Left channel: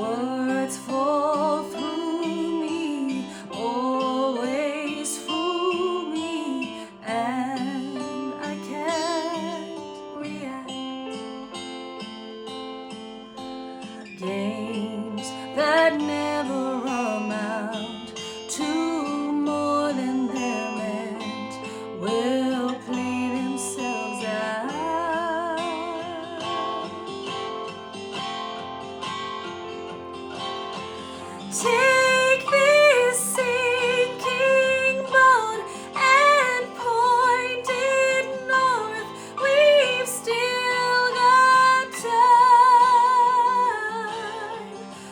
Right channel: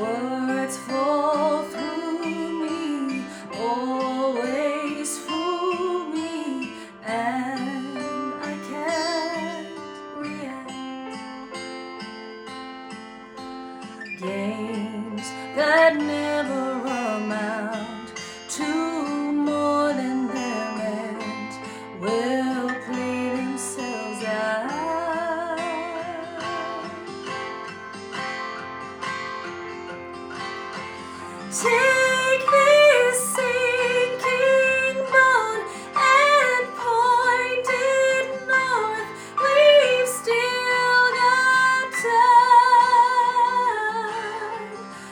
Words fall through me, always fool me, and I can't react. Games that never amount to more than they're meant will play themselves out. Take this sinking bone and point it north. We've still got time.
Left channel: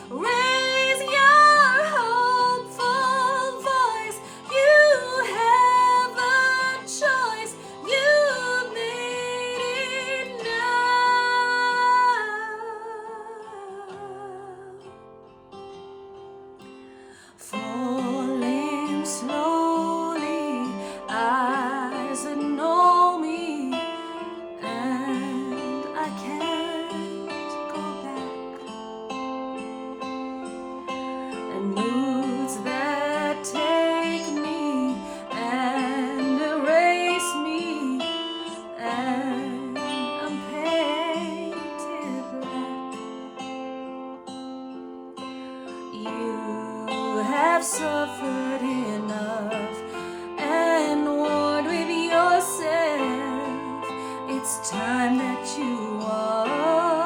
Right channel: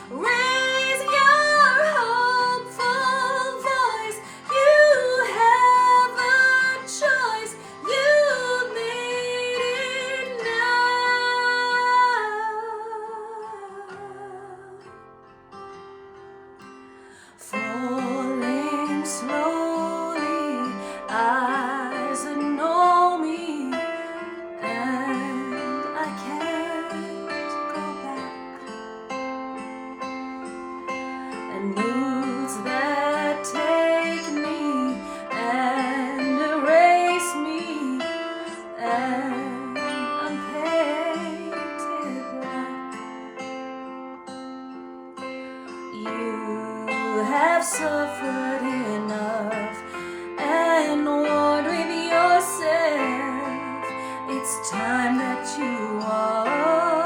Raise your hopeful voice. You have a choice. You've made it now. Falling slowly, eyes that know me, and I can't go back. And moods that take me and erase me, and I'm painted black. You have suffered enough and warred with yourself. It's time that you are.